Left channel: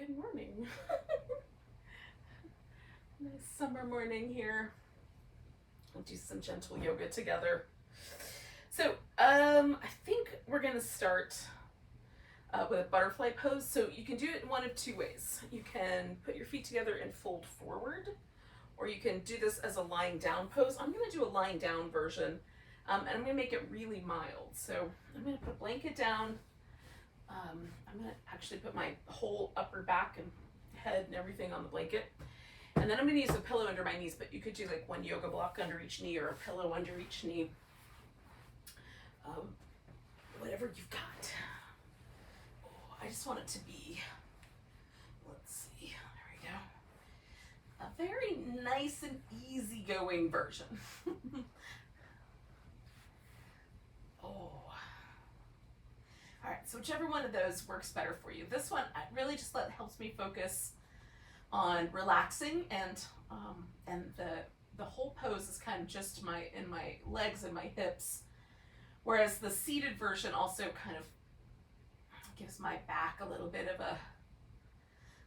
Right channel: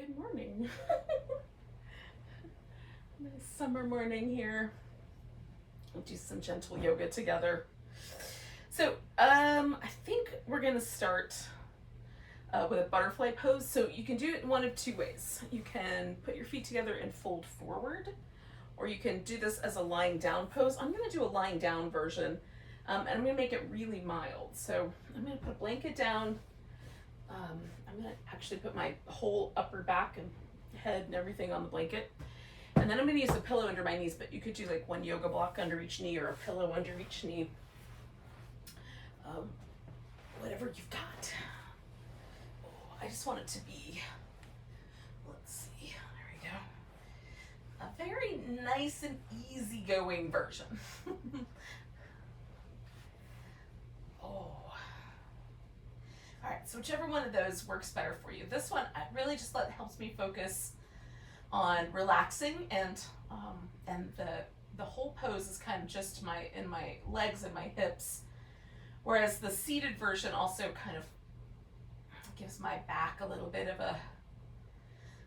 Good morning. Nice summer morning here. We'll do some gentle yoga together. So I think we're gonna start with a butterfly pose. So you can do it in one of two ways. You can put your feet together and fold forward, or you can do this as a lying down pose. I'm gonna do a lying down version, and I'm gonna make it really mild. So I'm gonna put a blanket down. I'm gonna actually put my whole upper back and head and everything on the blanket. And then I'm gonna use a pillow under my knees, but you could do like one yoga block under each knee or a pillow under each knee. Whatever you've got. Oh, I just want it to be, let's see, there we go. A very nice and easygoing version. Alright, so whichever one of those works better for you. This one really just helps me focus on relaxing, and the whole pose is kind of just in my legs and my hips, whereas the seated version also kind of gives my back a little bit of a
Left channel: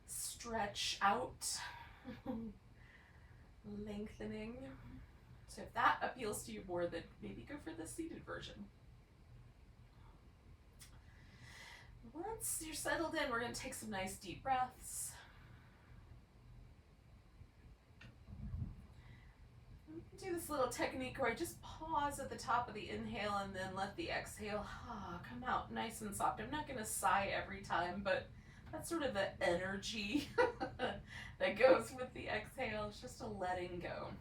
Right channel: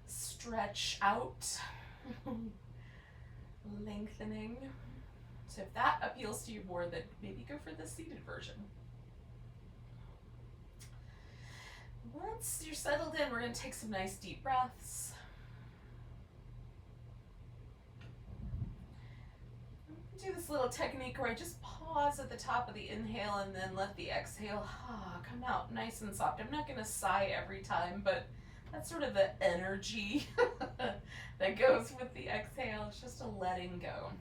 stretch out, lengthening. So if that appeals to you more, then maybe go for the seated version. Once you're settled in, we're going to take some nice deep breaths. Do this little technique where I just pause at the top of the inhale and then let the exhale come out nice and soft. I'm not going to sigh every time, but that's sort of the energy that goes with the exhale. It's just a letting go.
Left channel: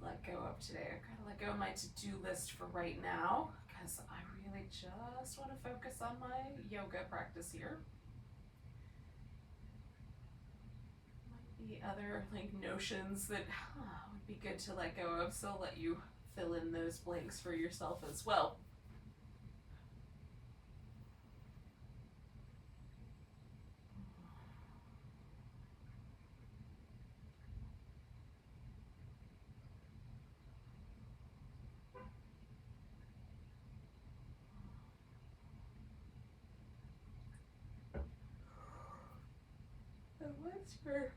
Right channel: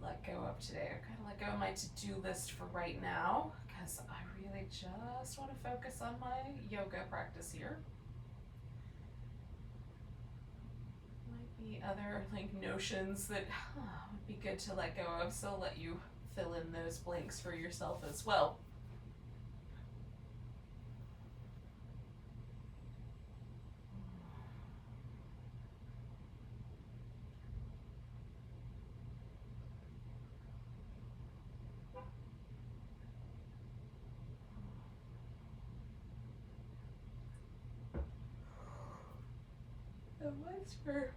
Let go of today. I'm going to let go of my to-do list for right now because I really just want to focus on my yoga practice here. Might be other notions that would be good to let go of, so I'll let you fill in those blanks for yourself as well. Once your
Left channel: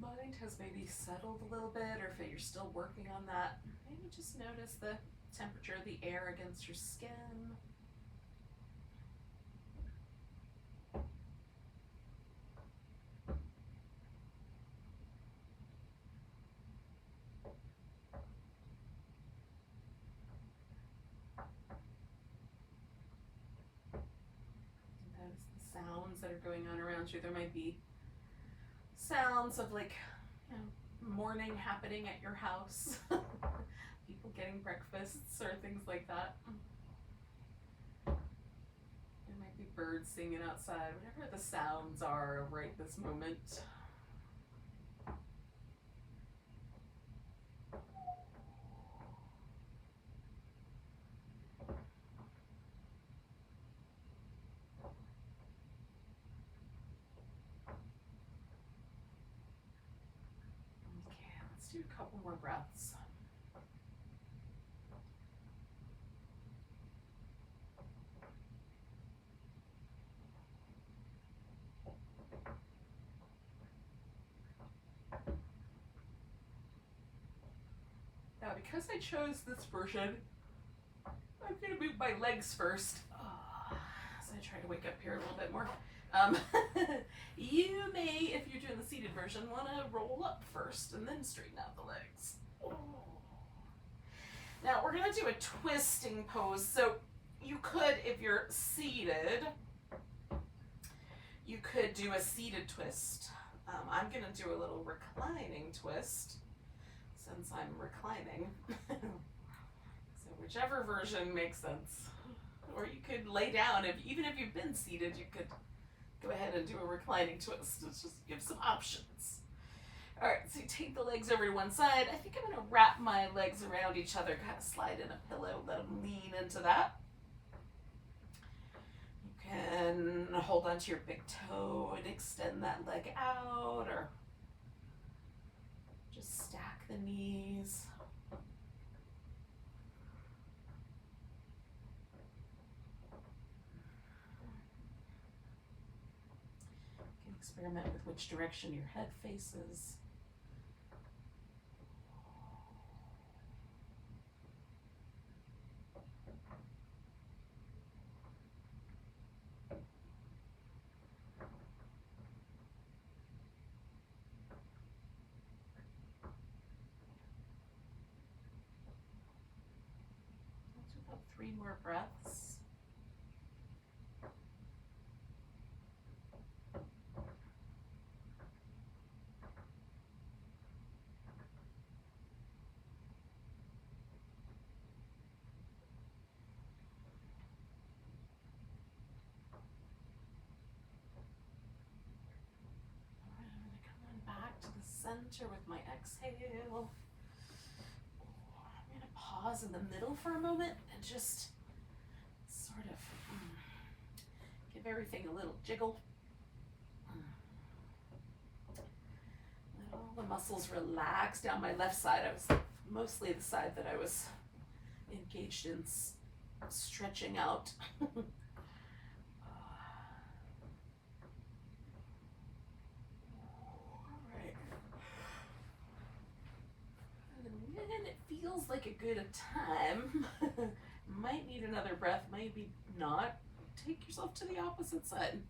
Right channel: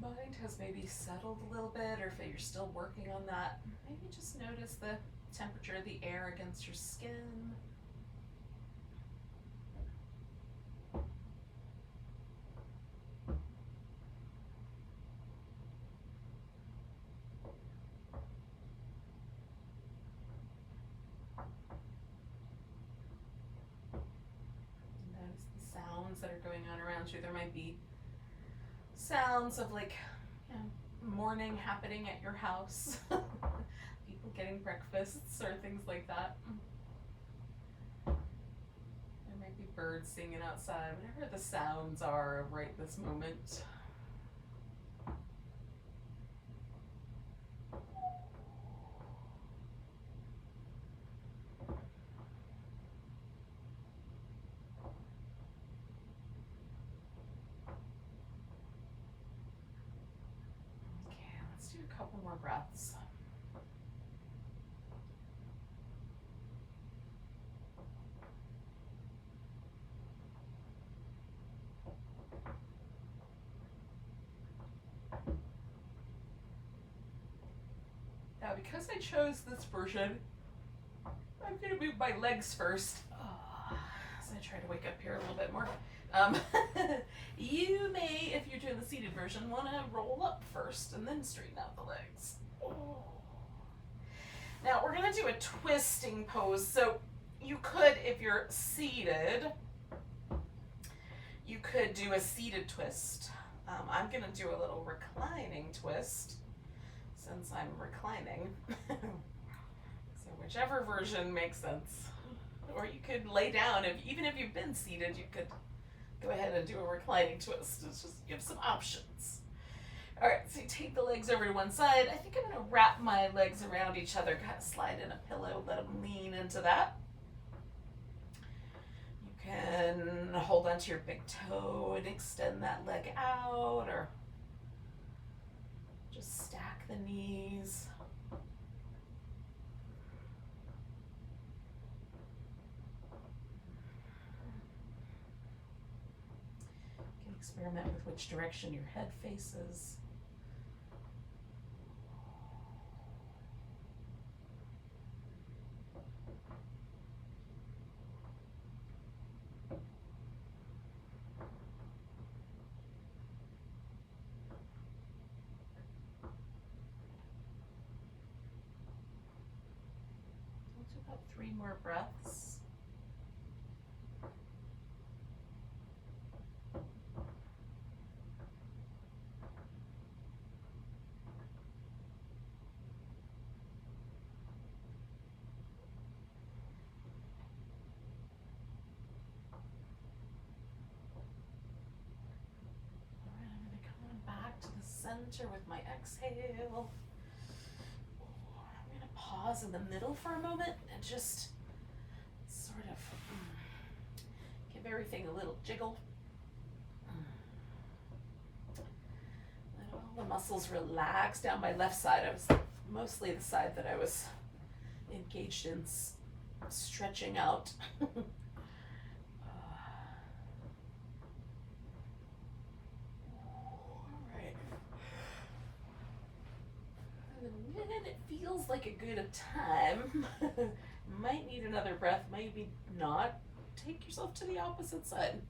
mind has maybe settled a little bit, or if you're still working on that, maybe just notice the temperature of the air against your skin. Notice the sounds that are going on around you. There might be sounds of morning happening at your house, people getting breakfasts or things like that. There might be birds singing outside, whatever the sounds are right this moment. Do a couple more breaths. Now, because I chose this version, I'm going to move my legs first. So I try to wake up here a little bit more. You may, if you're doing the seated version, want to roll up first and then straighten out the legs. Now we're going to do a twisting pose. So you could, if you're seated, you could do a seated twist. I'm going to do a little reclining twist since I'm reclining. So whichever version makes sense. Or you could lay down. Even if you've been seated, you could go ahead and do a reclining twist. It's just, you have some options. All right, so you take the legs over to one side. I think I'm going to wrap my legs around each other, kind of slide in a pillow, let them lean into that. You can hold onto your big toe and extend that leg out, or just stack the knees. You can experiment with which direction your head faces. Let's do about 3 more breaths. Back to the center with my exhale. I'm going to pause in the middle for a moment and just sort of give everything a little jiggle. Let all the muscles relax down my left side. I was mostly the side that I was engaged in stretching out. When it feels like a good time, might need another breath, maybe not. Take yourself to the opposite side.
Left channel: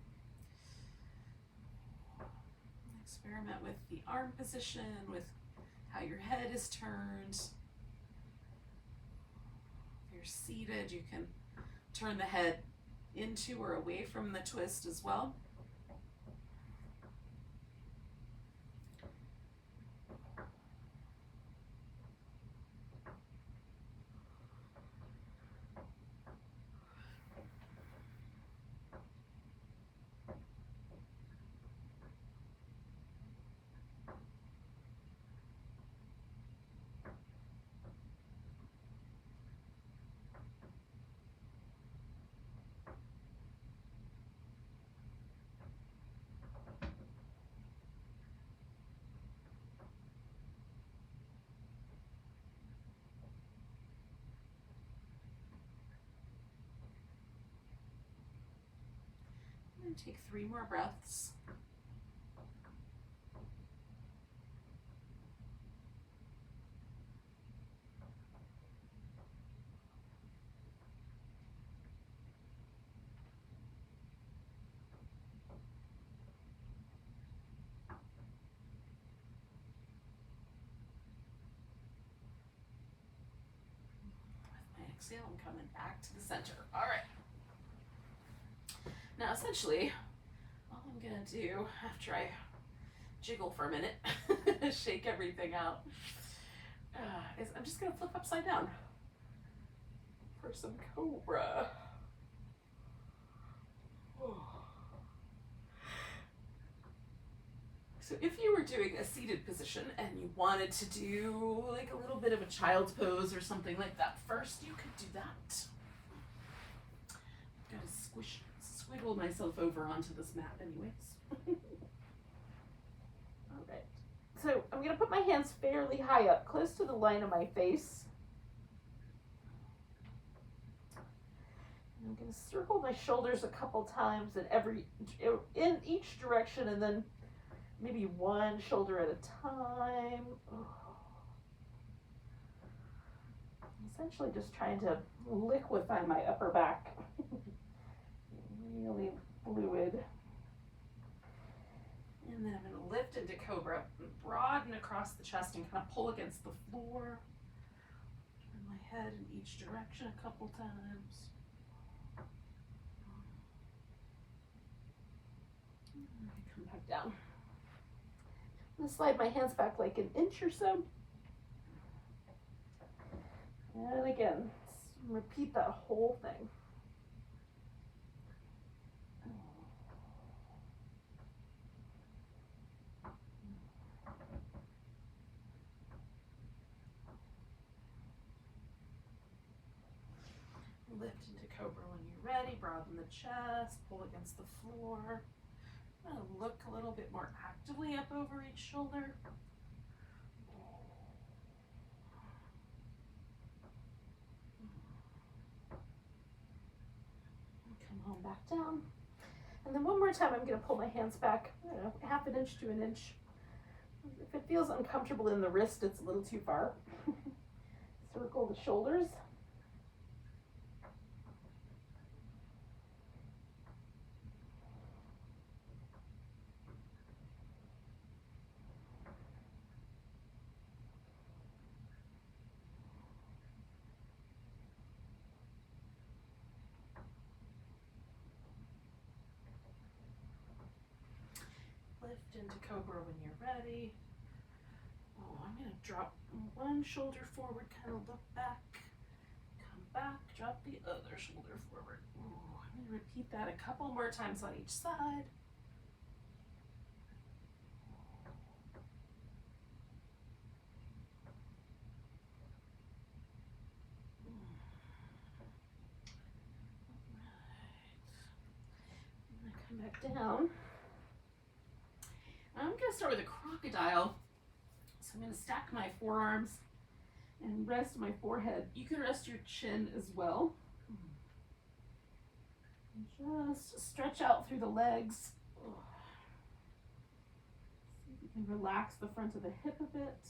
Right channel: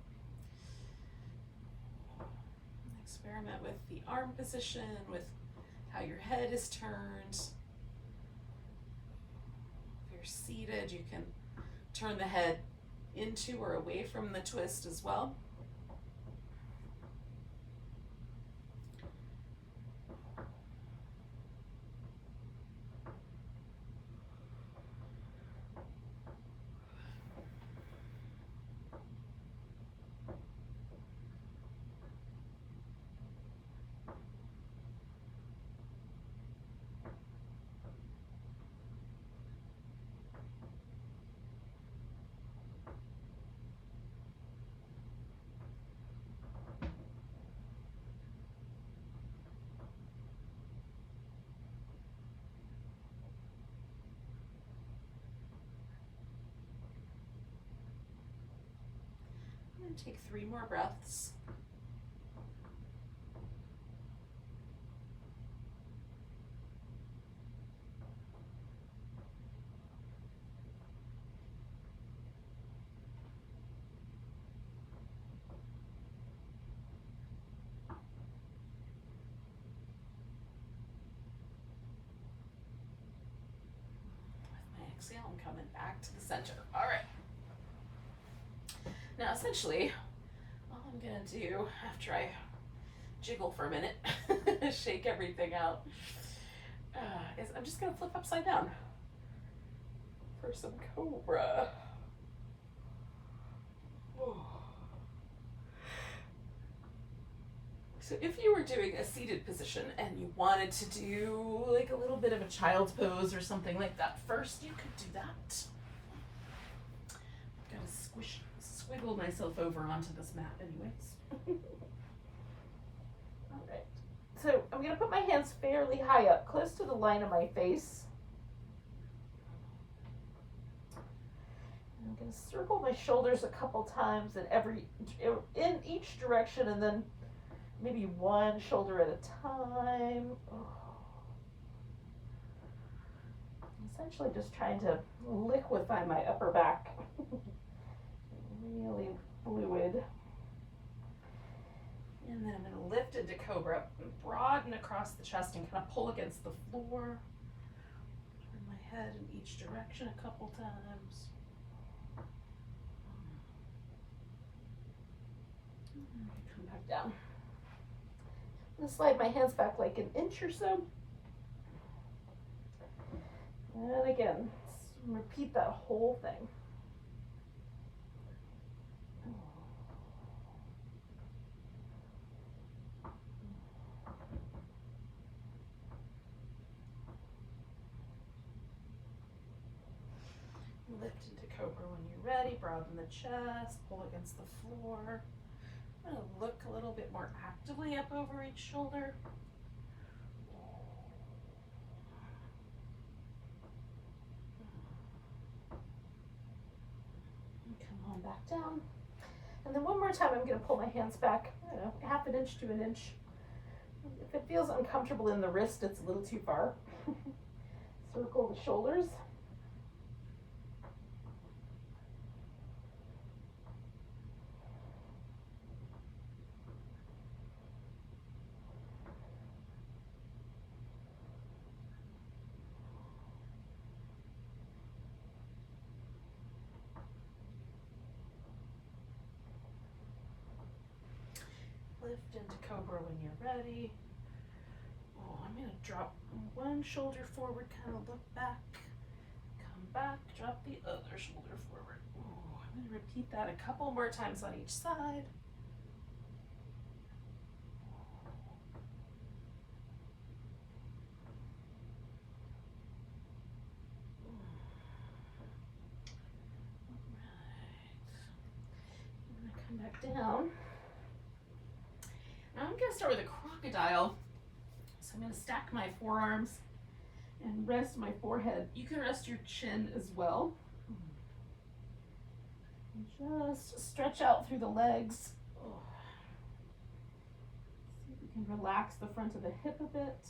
Experiment with the arm position, with how your head is turned. If you're seated, you can turn the head into or away from the twist as well. And take 3 more breaths. With my exhale, I'm coming back to the center. All right. Now, essentially, all I'm going to do after I jiggle for a minute, shake everything out, is I'm just going to flip upside down for some cobra. So if you were doing a seated position and you wanted to do like a little bit of a child's pose or something like that first, you could do that. I've got to squiggle myself over onto this mat anyways. All right. So I'm going to put my hands fairly high up, close to the line of my face. I'm going to circle my shoulders a couple times in each direction, and then maybe one shoulder at a time. Essentially just trying to liquefy my upper back. Really fluid. And then I'm going to lift into cobra, broaden across the chest and kind of pull against the floor. Turn my head in each direction a couple times. And come back down. I'm going to slide my hands back like an inch or so. And again, repeat that whole thing. Lift into cobra when you're ready. Broaden the chest. Pull against the floor. I'm going to look a little bit more actively up over each shoulder. And come on back down. And then one more time, I'm going to pull my hands back, I don't know, half an inch to an inch. If it feels uncomfortable in the wrist, it's a little too far. Circle the shoulders. Lift into cobra when you're ready. Oh, I'm going to drop one shoulder forward, kind of look back, come back, drop the other shoulder forward. Oh, I'm going to repeat that a couple more times on each side. All right. I'm going to come back down. I'm going to start with a crocodile. So I'm going to stack my forearms and rest my forehead. You can rest your chin as well. And just stretch out through the legs. See if you can relax the front of the hip a bit.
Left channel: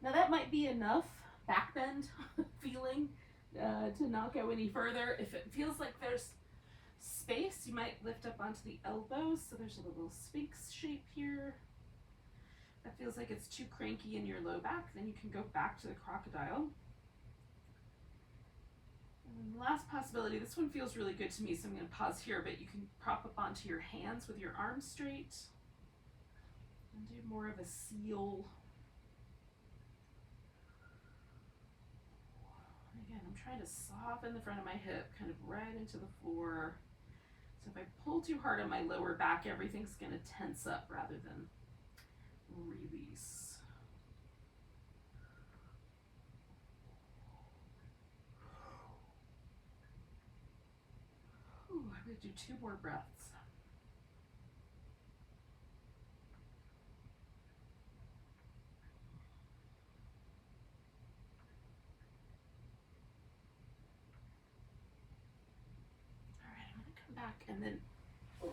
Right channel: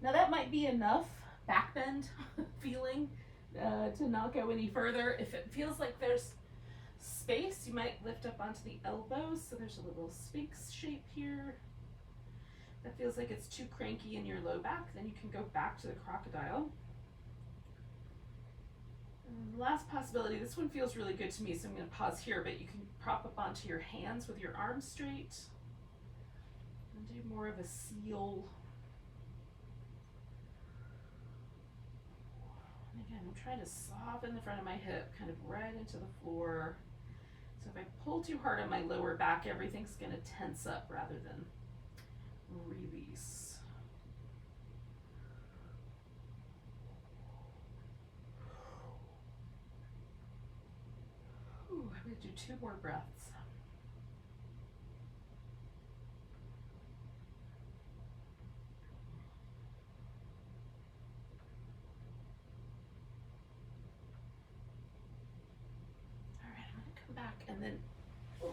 Now that might be enough back bend feeling to not go any further. If it feels like there's space, you might lift up onto the elbows. So there's a little sphinx shape here. That feels like it's too cranky in your low back, then you can go back to the crocodile. And the last possibility, this one feels really good to me, so I'm going to pause here, but you can prop up onto your hands with your arms straight and do more of a seal. And again, I'm trying to soften the front of my hip, kind of right into the floor. So if I pull too hard on my lower back, everything's going to tense up rather than release. Ooh, I'm going to do 2 more breaths. All right, I'm going to come back and then do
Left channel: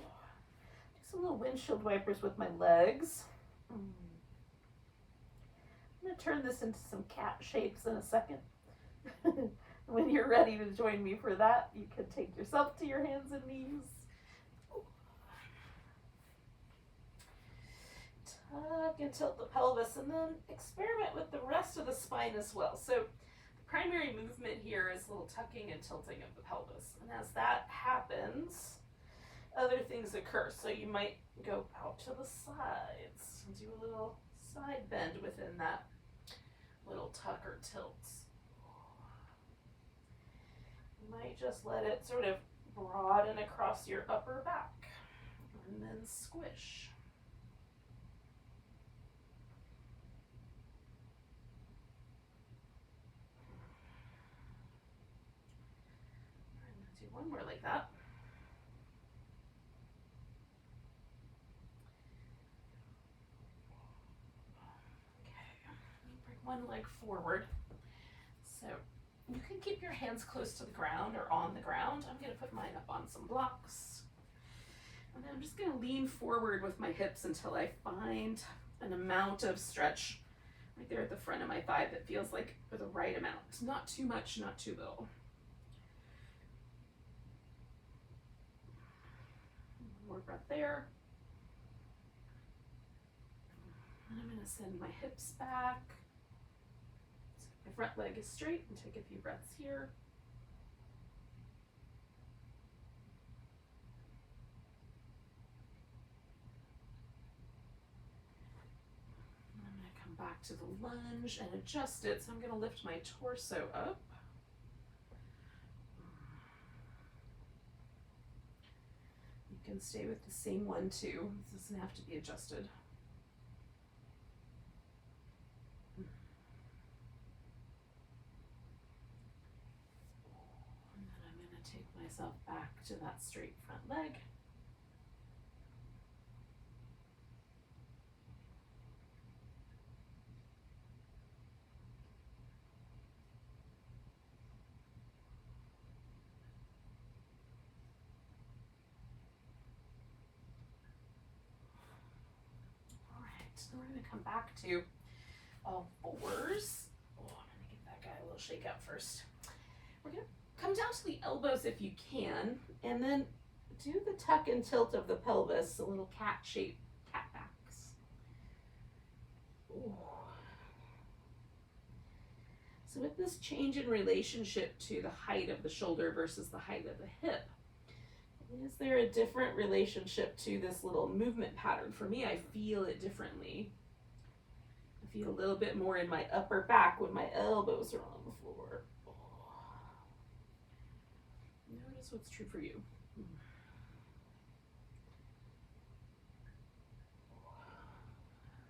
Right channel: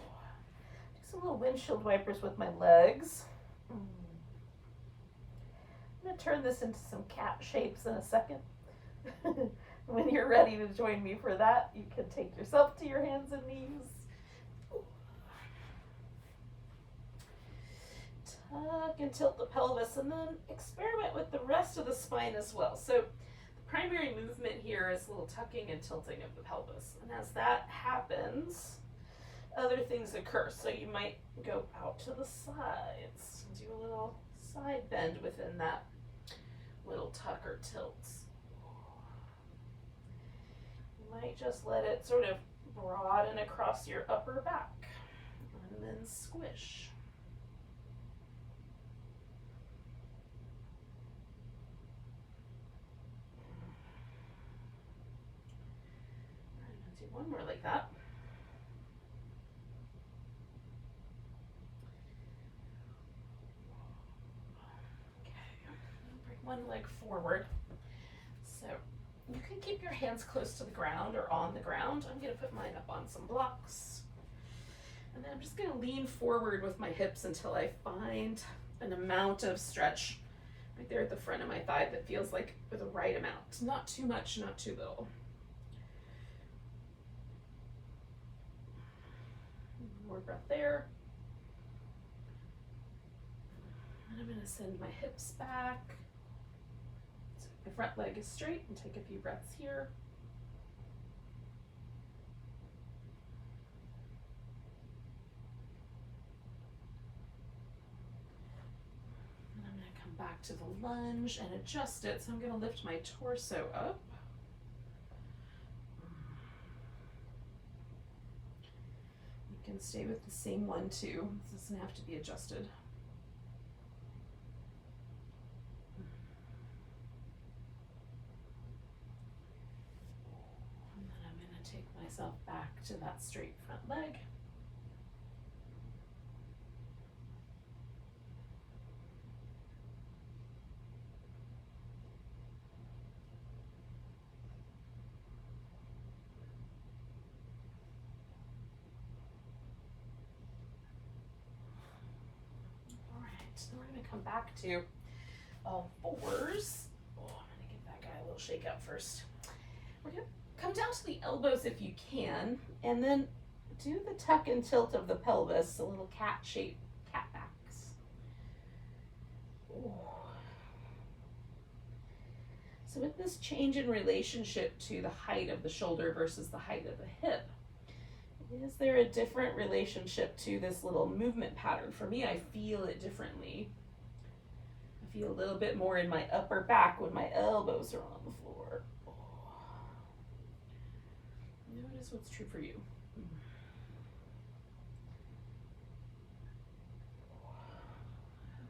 some little windshield wipers with my legs. I'm going to turn this into some cat shapes in a second. When you're ready to join me for that, you can take yourself to your hands and knees. Tuck and tilt the pelvis, and then experiment with the rest of the spine as well. So the primary movement here is a little tucking and tilting of the pelvis. And as that happens, other things occur. So you might go out to the sides and do a little side bend within that little tuck or tilt. You might just let it sort of broaden across your upper back and then squish. I'm going to do one more like that. One leg forward. So you can keep your hands close to the ground or on the ground. I'm going to put mine up on some blocks. And then I'm just going to lean forward with my hips until I find an amount of stretch right there at the front of my thigh that feels like the right amount. Not too much, not too little. One more breath there. And I'm going to send my hips back. The front leg is straight and take a few breaths here. And I'm going to come back to the lunge and adjust it. So I'm going to lift my torso up. You can stay with the same one too. This doesn't have to be adjusted. back to that straight front leg. All right, so we're going to come back to all fours. Oh, I'm going to give that guy a little shake out first. We're going to come down to the elbows if you can, and then do the tuck and tilt of the pelvis, a little cat shape, cat backs. Ooh. So with this change in relationship to the height of the shoulder versus the height of the hip, is there a different relationship to this little movement pattern? For me, I feel it differently. I feel a little bit more in my upper back when my elbows are on the floor. Oh. Notice what's true for you.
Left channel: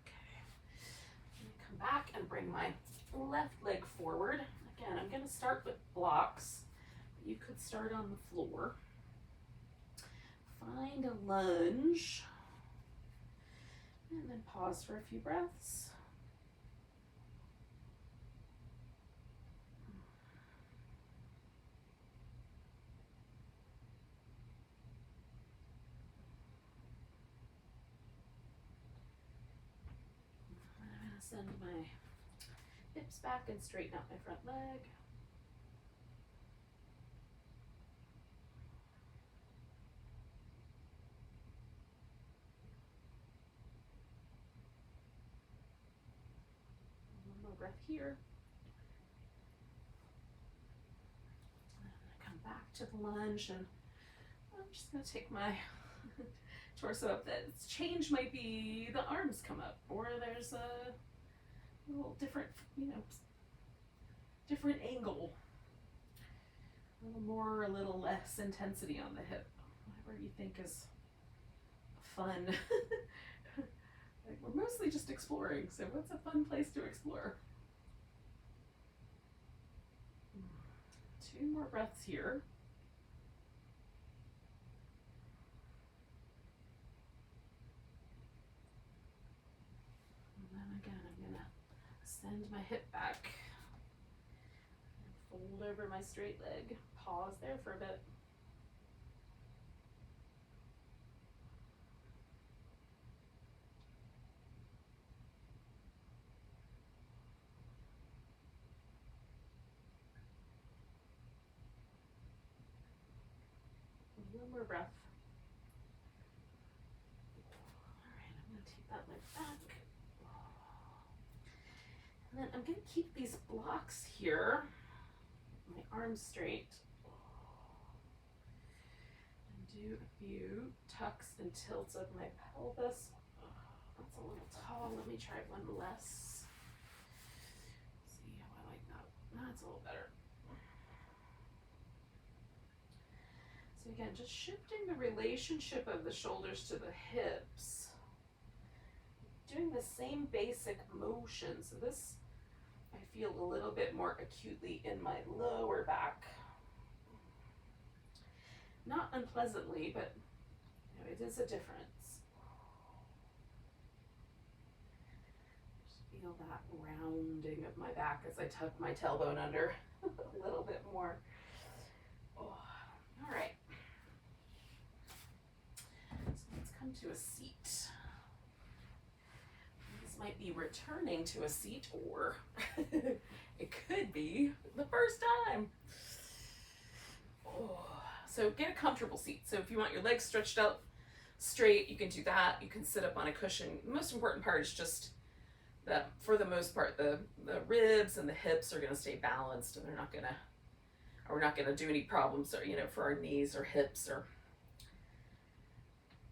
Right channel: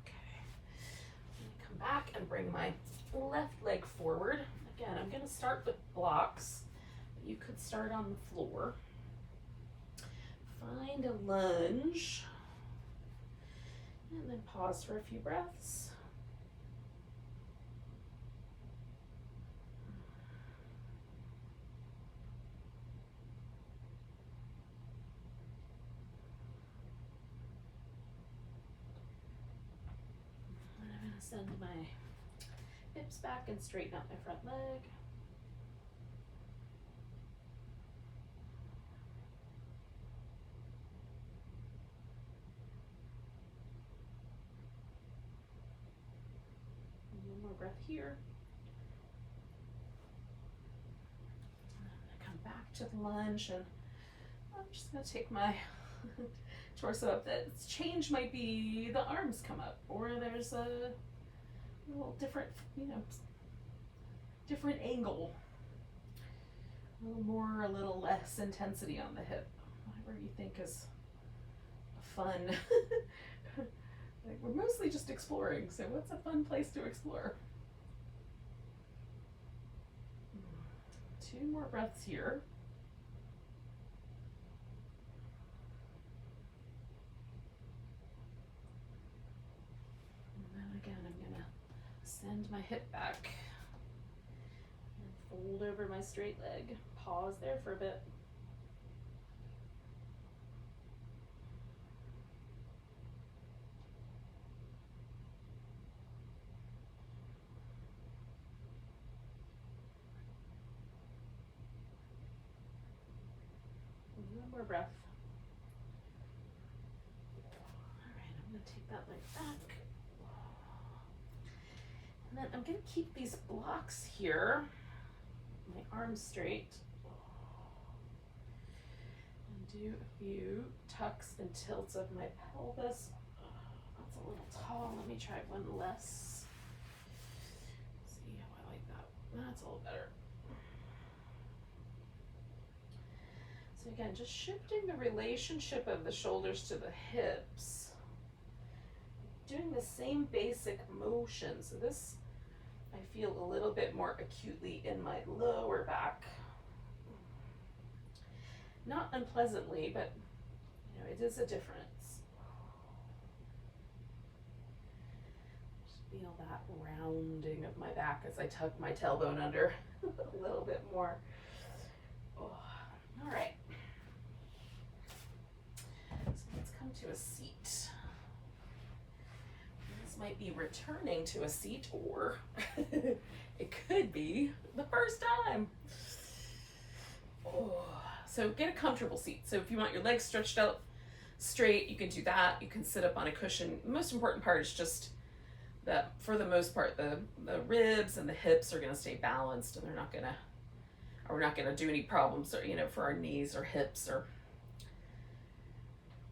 Okay. Come back and bring my left leg forward. Again, I'm going to start with blocks. You could start on the floor. Find a lunge. And then pause for a few breaths. And I'm going to send my hips back and straighten out my front leg. One more breath here. Come back to the lunge, and I'm just going to take my torso up. That change might be the arms come up, or there's a little different, different angle. A little more, a little less intensity on the hip. Whatever you think is fun. Like, we're mostly just exploring, so what's a fun place to explore? 2 more breaths here. And then again, I'm going to send my hip back and fold over my straight leg. Pause there for a bit. One more breath. All right, I'm going to take that leg back. And then I'm going to keep these blocks here, my arms straight, and do a few tucks and tilts of my pelvis. That's a little tall. Let me try one less. See how I like that. That's all better. So again, just shifting the relationship of the shoulders to the hips. Doing the same basic motion. So this, I feel a little bit more acutely in my lower back. Not unpleasantly, but it is a difference. Just feel that rounding of my back as I tuck my tailbone under a little bit more. Oh, all right. So let's come to a seat. This might be returning to a seat, or it could be the first time. Oh. So get a comfortable seat. So if you want your legs stretched out straight, you can do that. You can sit up on a cushion. The most important part is just that, for the most part, the ribs and the hips are going to stay balanced, and we're not going to do any problems, or, for our knees or hips, or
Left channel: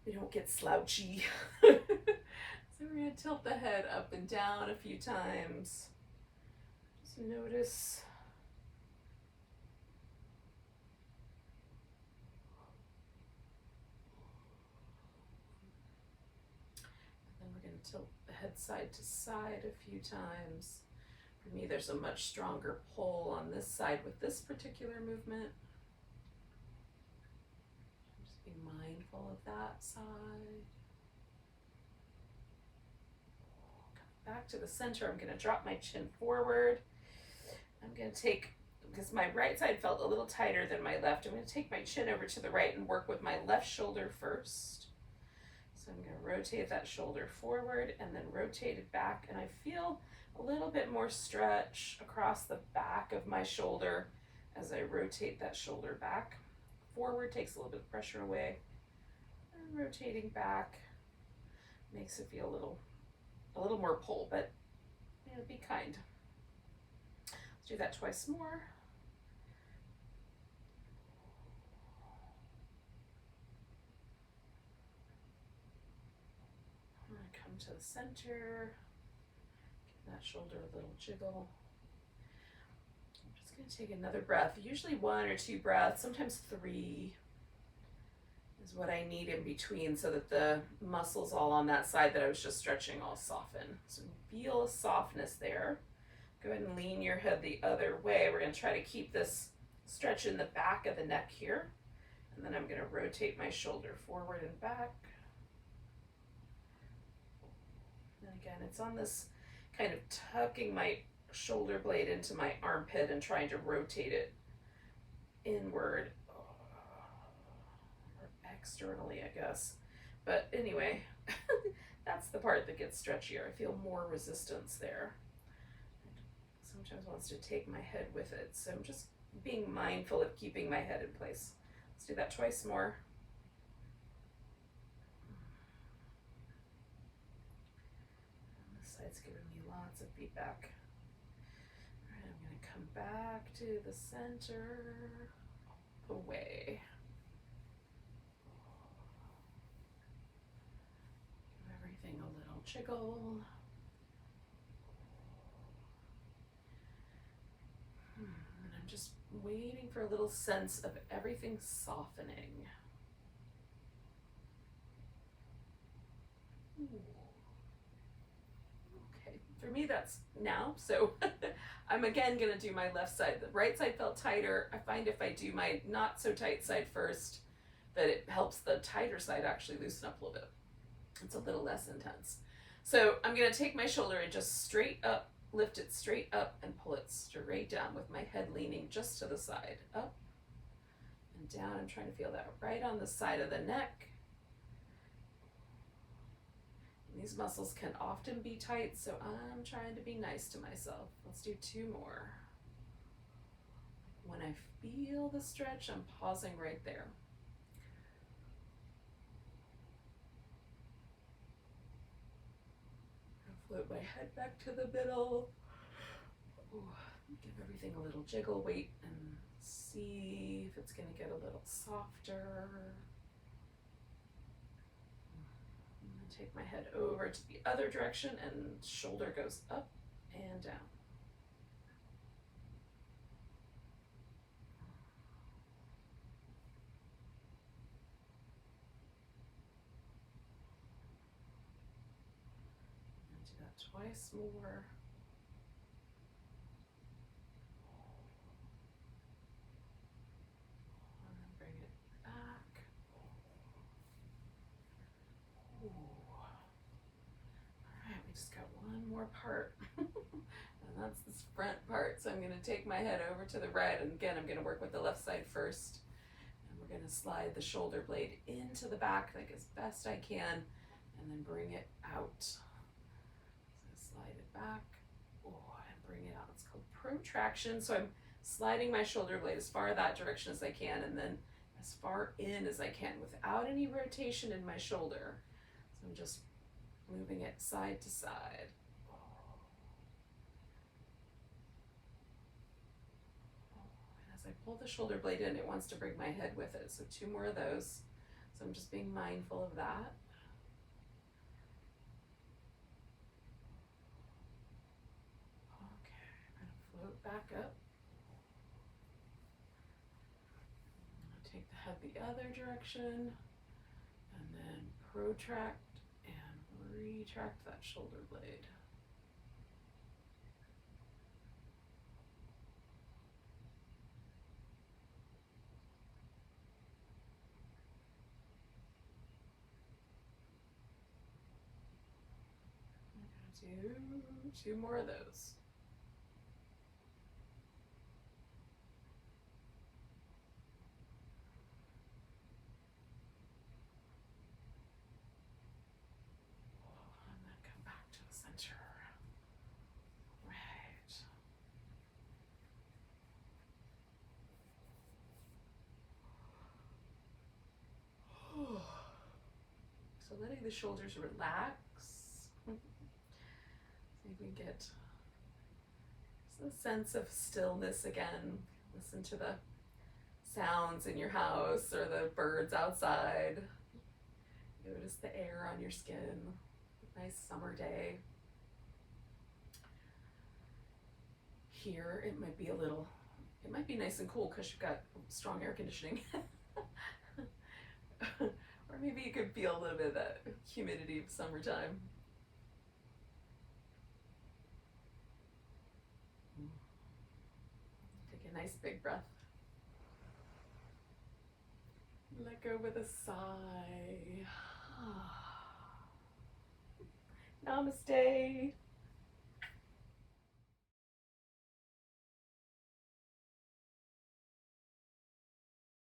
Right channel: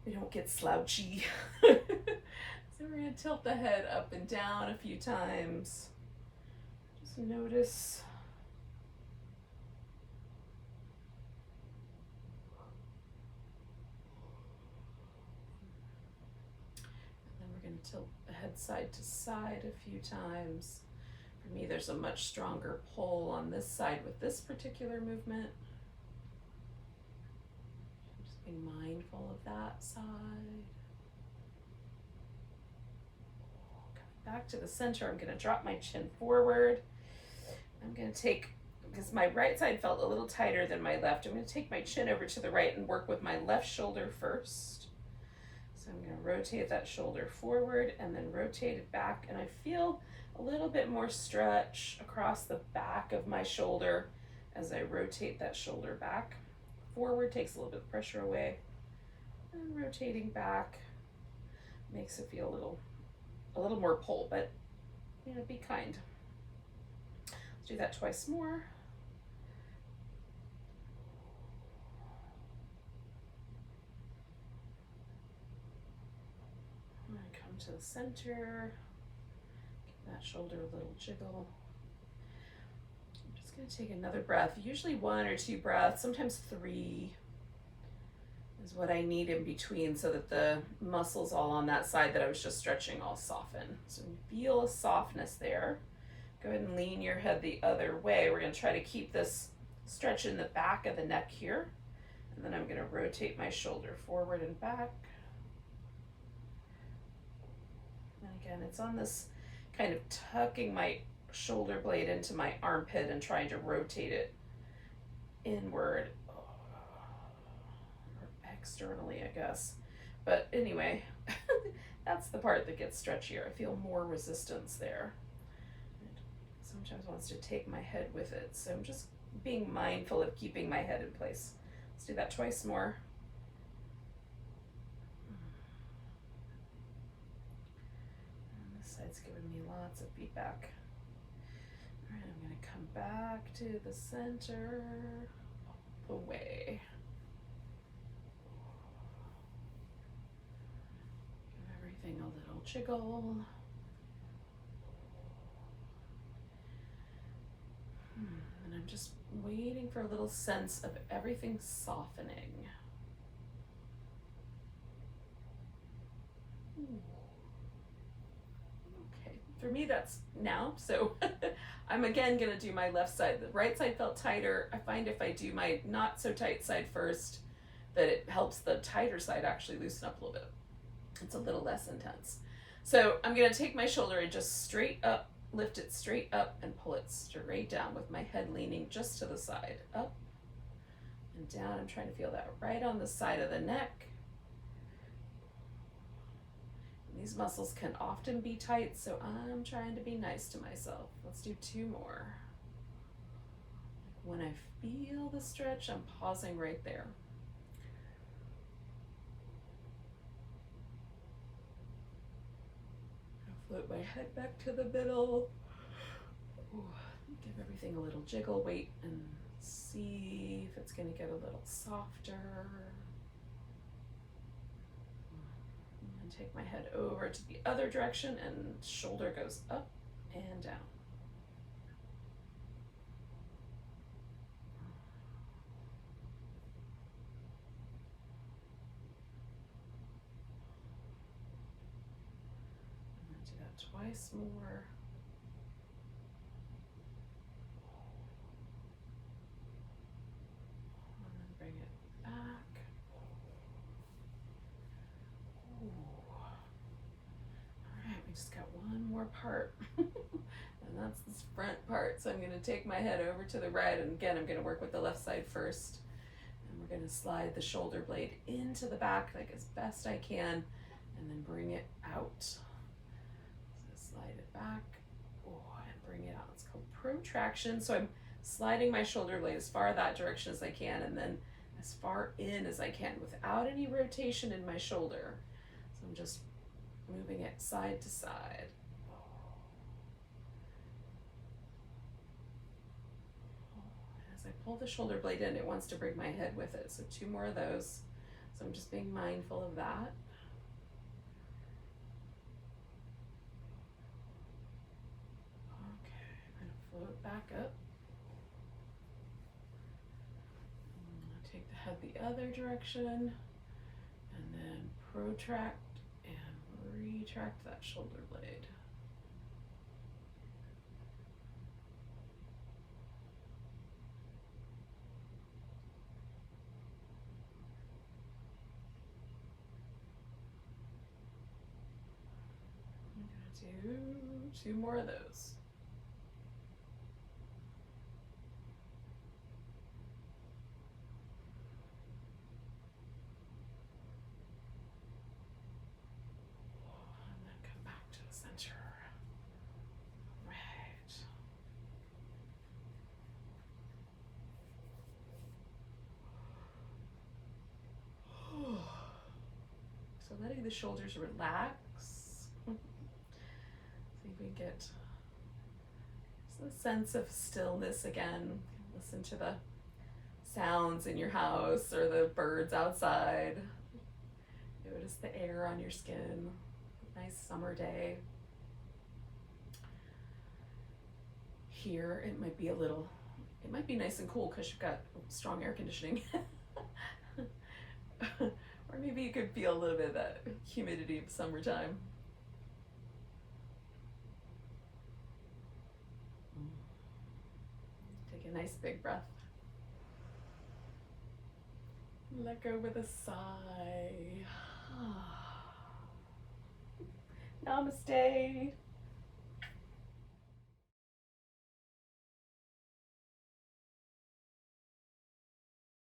we don't get slouchy. So we're going to tilt the head up and down a few times. Just notice. Tilt the head side to side a few times. For me, there's a much stronger pull on this side with this particular movement. Being mindful of that side. Coming back to the center, I'm going to drop my chin forward. I'm going to take, because my right side felt a little tighter than my left, I'm going to take my chin over to the right and work with my left shoulder first. So I'm going to rotate that shoulder forward and then rotate it back, and I feel a little bit more stretch across the back of my shoulder as I rotate that shoulder back. Forward takes a little bit of pressure away, and rotating back makes it feel a little more pull, but you know, be kind. Let's do that twice more. And come to the center, give that shoulder a little jiggle. I'm just going to take another breath, usually 1 or 2 breaths, sometimes 3 is what I need in between, so that the muscles all on that side that I was just stretching all soften. So feel a softness there. Go ahead and lean your head the other way. We're going to try to keep this stretch in the back of the neck here, and then I'm going to rotate my shoulder forward and back. And again, it's on this kind of tucking my shoulder blade into my armpit and trying to rotate it inward, or externally, I guess. But anyway, that's the part that gets stretchier. I feel more resistance there. It sometimes wants to take my head with it. So I'm just being mindful of keeping my head in place. Let's do that twice more. And this side's giving me lots of feedback. All right, I'm going to come back to the center, all the way. Give everything a little jiggle. And I'm just waiting for a little sense of everything softening. Okay, for me that's now, so I'm again gonna do my left side. The right side felt tighter. I find if I do my not so tight side first, that it helps the tighter side actually loosen up a little bit. It's a little less intense. So I'm gonna take my shoulder and just straight up, lift it straight up and pull it straight down with my head leaning just to the side. Up and down. I'm trying to feel that right on the side of the neck. And these muscles can often be tight, so I'm trying to be nice to myself. Let's do 2 more. When I feel the stretch, I'm pausing right there. Float my head back to the middle. Ooh, give everything a little jiggle. Wait and see if it's going to get a little softer. And take my head over to the other direction, and shoulder goes up and down. Twice more. And then bring it back. Ooh. All right, we just got one more part. And that's this front part. So I'm going to take my head over to the right, and again, I'm going to work with the left side first. And we're going to slide the shoulder blade into the back like as best I can, and then bring it out. Slide it back, and bring it out. It's called protraction. So I'm sliding my shoulder blade as far that direction as I can, and then as far in as I can without any rotation in my shoulder. So I'm just moving it side to side. As I pull the shoulder blade in, it wants to bring my head with it. So 2 more of those. So I'm just being mindful of that. Float back up. Take the head the other direction, and then protract and retract that shoulder blade. Two more of those. And then come back to the center. Right. So letting the shoulders relax. See if we get a sense of stillness again. Listen to the sounds in your house or the birds outside. Notice the air on your skin. Nice summer day. Here it might be nice and cool because you've got strong air conditioning. Or maybe you could feel a little bit of that humidity of summertime. Take a nice big breath. Let go with a sigh. Namaste.